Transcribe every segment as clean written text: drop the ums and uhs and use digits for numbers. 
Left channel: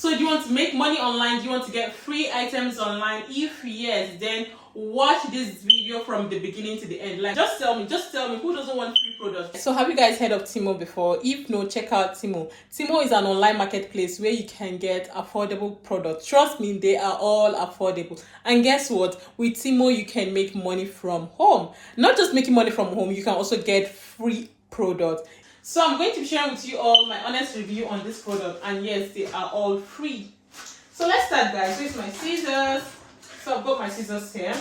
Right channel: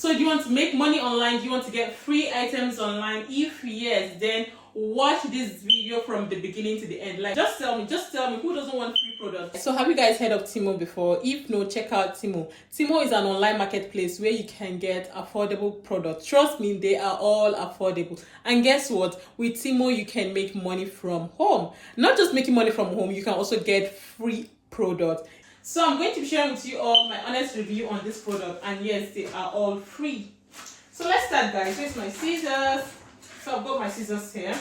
So do you want to make money online? Do you want to get free items online? If yes, then watch this video from the beginning to the end. Like, just tell me who doesn't want free products? So have you guys heard of Temu before? If no, check out Temu. Temu is an online marketplace where you can get affordable products. Trust me, they are all affordable. And guess what? With Temu, you can make money from home. Not just making money from home, you can also get free products. So I'm going to share with you all my honest review on this product, and yes, they are all free. So let's start, guys. Here's my scissors. So I've got my scissors here.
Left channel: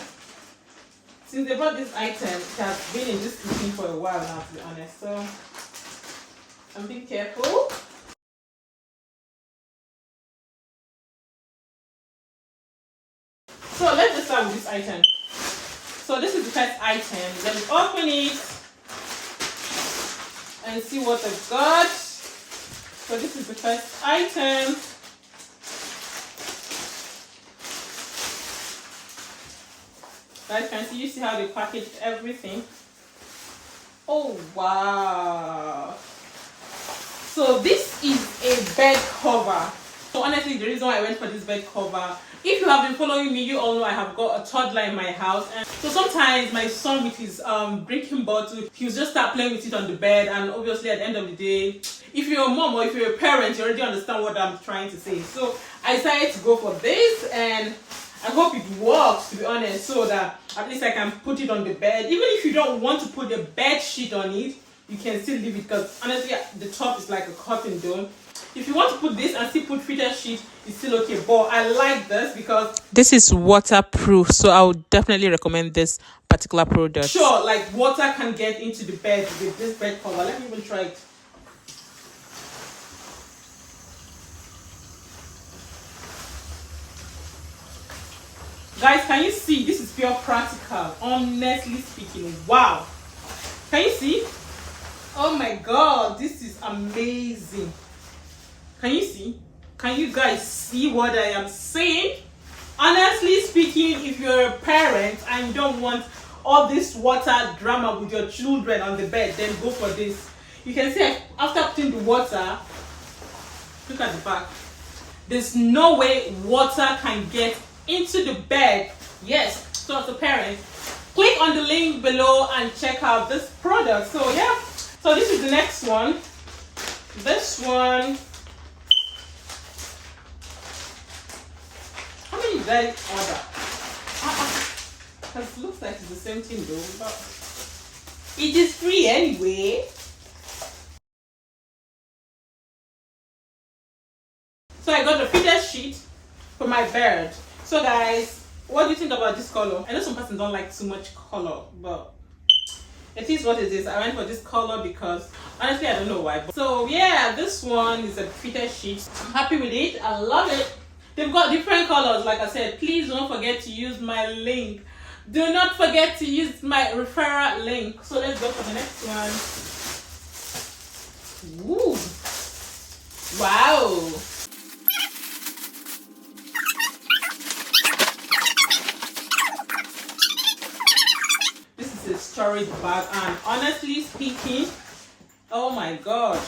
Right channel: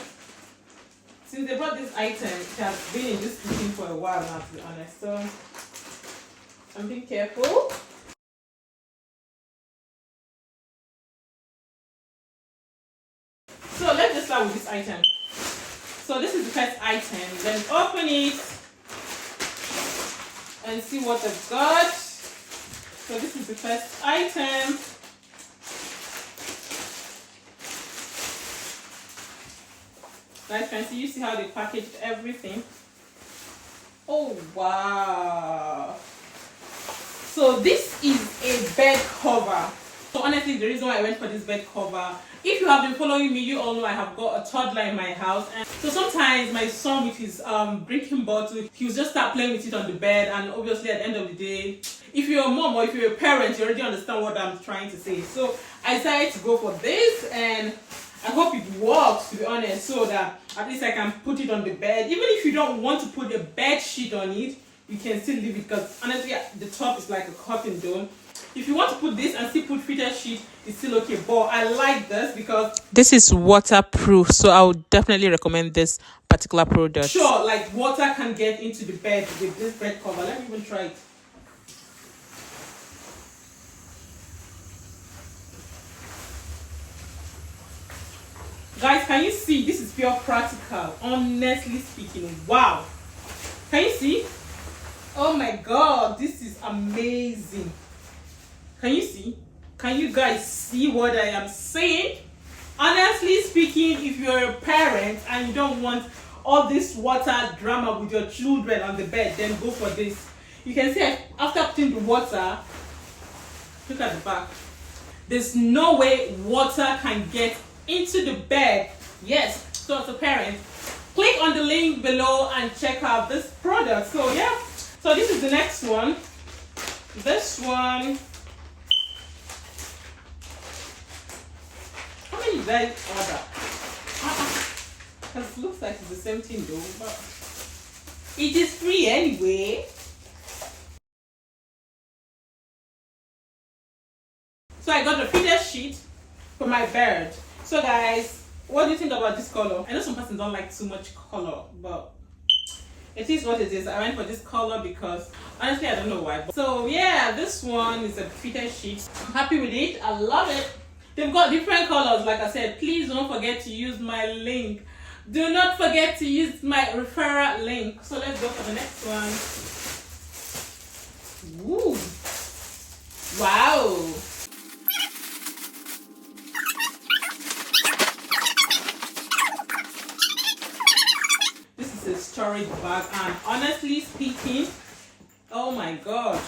Since they brought this item, it has been in this thing for a while now, to be honest. So I'm being careful. So let's just start with this item. So this is the first item. Let me open it and see what I've got. So this is the first item. Guys, can you see how they packaged everything? Oh wow! So this is a bed cover. So honestly, the reason why I went for this bed cover, if you have been following me, you all know I have got a toddler in my house, and so sometimes my son with his drinking bottle, he'll just start playing with it on the bed, and obviously at the end of the day, if you're a mom or if you're a parent, you already understand what I'm trying to say. So I decided to go for this, and I hope it works, to be honest, so that at least I can put it on the bed. Even if you don't want to put a bed sheet on it, you can still leave it, because honestly the top is like a cotton dome. If you want to put this and still put fitted sheet, it's still okay. But I like this because this is waterproof, so I would definitely recommend this particular product. Sure, like water can get into the bed with this bed cover. Let me even try it. Guys, can you see? This is pure practical, honestly speaking. Wow. Can you see? Oh my god, this is amazing. Can you see? Can you guys see what I am saying? Honestly speaking, if you're a parent and you don't want all this water drama with your children on the bed, then go for this. You can see after putting the water, look at the back. There's no way water can get into the bed. Yes, so as a parent, click on the link below and check out this product. So yeah, so this is the next one. This one, how many did I order? Because it looks like it's the same thing though, but it is free anyway. So I got the fitted sheet for my bed. So guys, what do you think about this color? I know some persons don't like too much color, but it is what it is. I went for this color because honestly I don't know why. So yeah, this one is a fitted sheet. I'm happy with it. I love it. They've got different colors. Like I said, please don't forget to use my link. Do not forget to use my referral link. So let's go for the next one. Ooh. Wow. Storage bag, and honestly speaking, oh my gosh,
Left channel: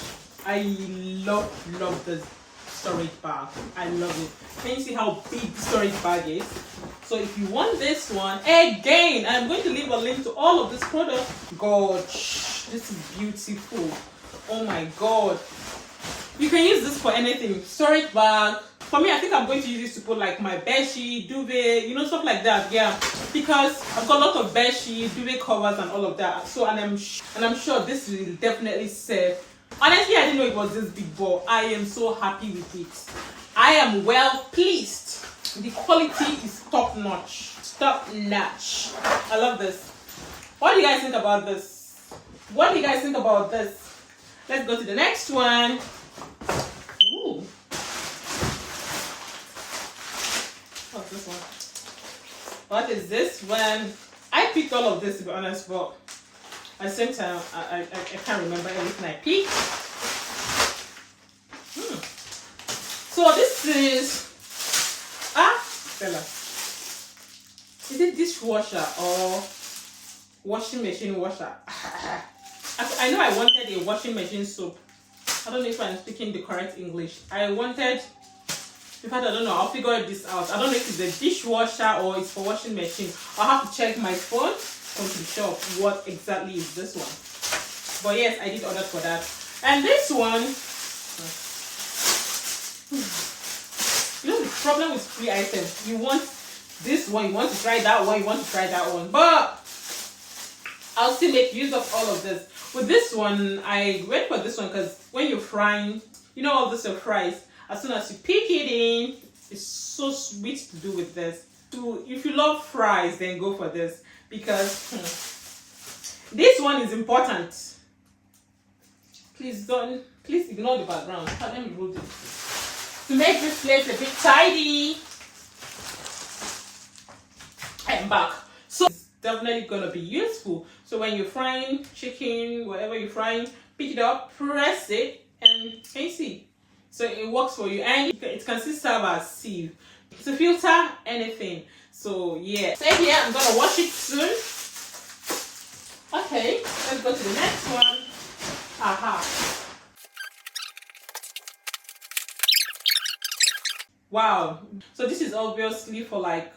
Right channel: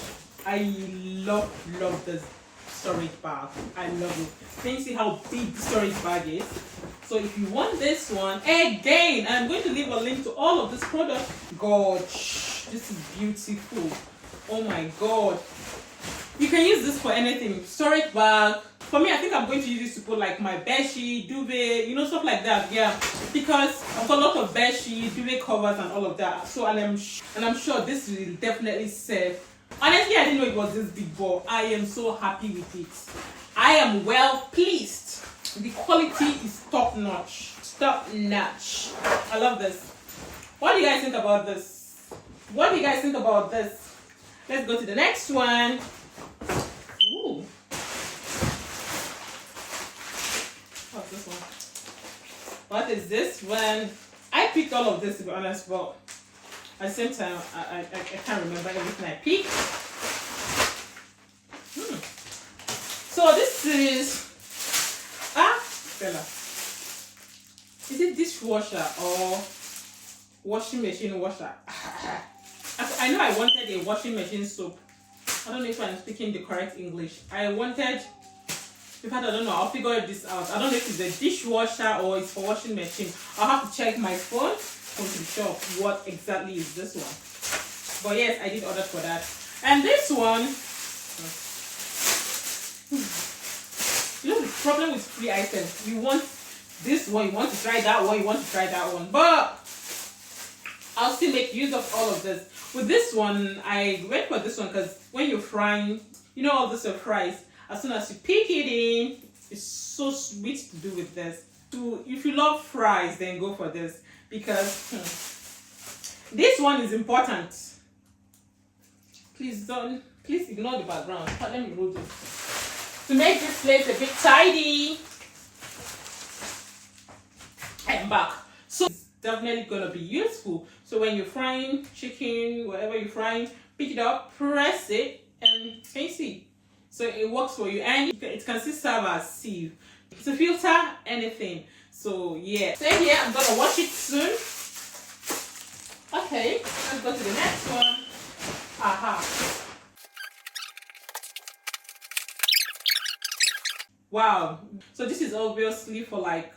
I love this storage bag. I love it. Can you see how big the storage bag is? So if you want this one, again, I'm going to leave a link to all of this product. Gosh, this is beautiful. Oh my god, you can use this for anything. Storage bag. For me, I think I'm going to use this to put like my bedsheet, duvet, you know, stuff like that. Yeah, because I've got a lot of bedsheet, duvet covers, and all of that. So, and I'm sure this will definitely serve. Honestly, I didn't know it was this big, but I am so happy with it. I am well pleased. The quality is top notch. Top notch. I love this. What do you guys think about this? What do you guys think about this? Let's go to the next one. Ooh. What's this one? What is this one? I picked all of this, to be honest, but at the same time, I can't remember everything I picked. So this is Stella. Is it dishwasher or washing machine washer? I know I wanted a washing machine soap. I don't know if I'm speaking the correct English. I wanted In fact, I don't know. I'll figure this out. I don't know if it's a dishwasher or it's for washing machine. I'll have to check my phone from the shop what exactly is this one. But yes, I did order for that. And this one, you know, the problem with free items, you want this one, you want to try that one, you want to try that one, but I'll still make use of all of this. With this one, I went for this one because when you're frying, you know, all this your fries, as soon as you pick it in, it's so sweet to do with this. So if you love fries, then go for this, because this one is important. Please ignore the background. Let me roll this to make this place a bit tidy. And back. So it's definitely gonna be useful. So when you're frying chicken, whatever you're frying, pick it up, press it, and can you see? So it works for you, and it can still serve as sieve to filter anything. So yeah, stay here. I'm gonna wash it soon. Okay, let's go to the next one. Aha. Wow. So this is obviously for like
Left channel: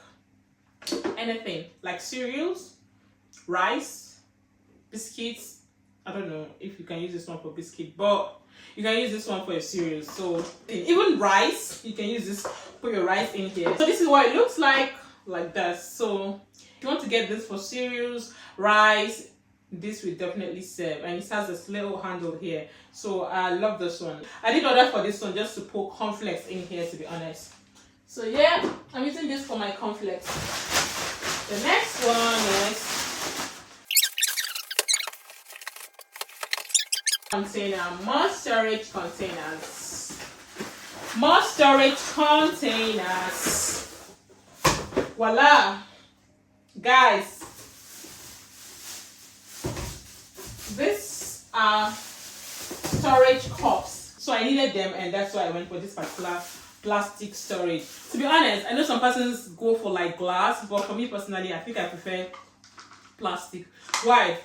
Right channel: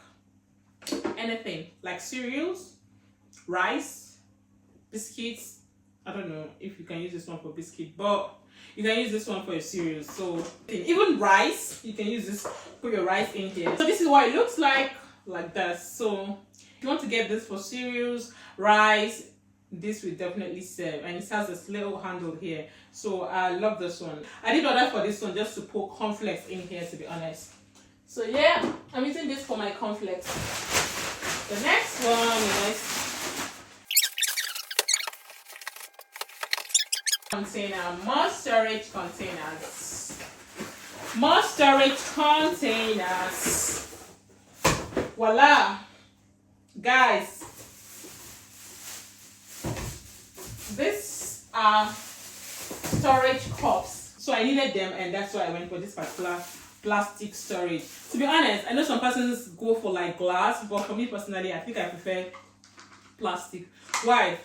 anything, like cereals, rice, biscuits. I don't know if you can use this one for biscuit, but you can use this one for your cereals. So even rice, you can use this, put your rice in here. So this is what it looks like this. So if you want to get this for cereals, rice, this will definitely serve, and it has this little handle here. So I love this one. I did order for this one just to put cornflakes in here, to be honest. So yeah, I'm using this for my cornflakes. The next one is container, more storage containers. More storage containers. Voila, guys. These are storage cups, so I needed them, and that's why I went for this particular plastic storage. To be honest, I know some persons go for like glass, but for me personally, I think I prefer plastic. Why?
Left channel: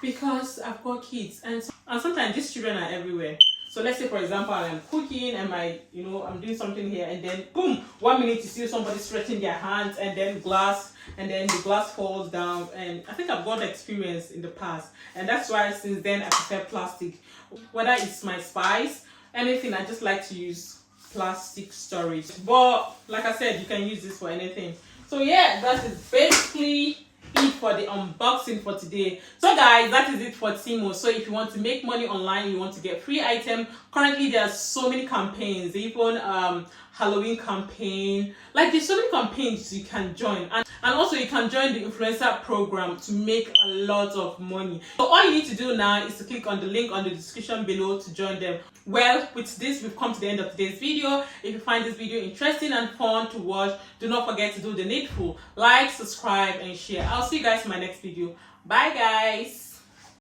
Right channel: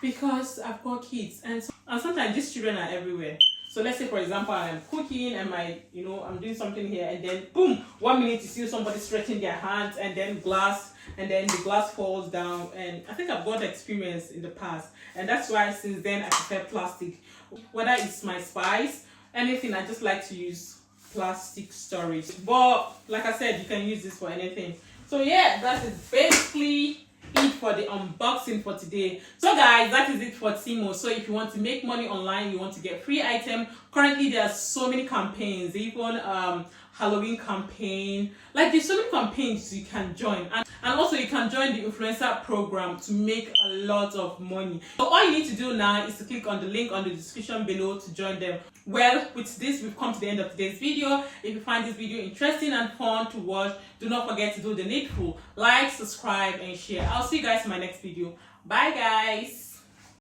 Because I've got kids, and sometimes these children are everywhere. So let's say, for example, I'm cooking and I'm doing something here, and then boom, 1 minute you see somebody stretching their hands, and then the glass falls down. And I think I've got experience in the past, and that's why since then I prefer plastic. Whether it's my spice, anything, I just like to use plastic storage. But like I said, you can use this for anything. So yeah, that is basically it for the unboxing for today. So guys, that is it for Temu. So if you want to make money online, you want to get free item, currently there are so many campaigns, even Halloween campaign, like there's so many campaigns you can join, and also you can join the influencer program to make a lot of money. So all you need to do now is to click on the link on the description below to join them. Well, with this, we've come to the end of today's video. If you find this video interesting and fun to watch, do not forget to do the needful. Like, subscribe, and share. I'll see you guys in my next video. Bye guys.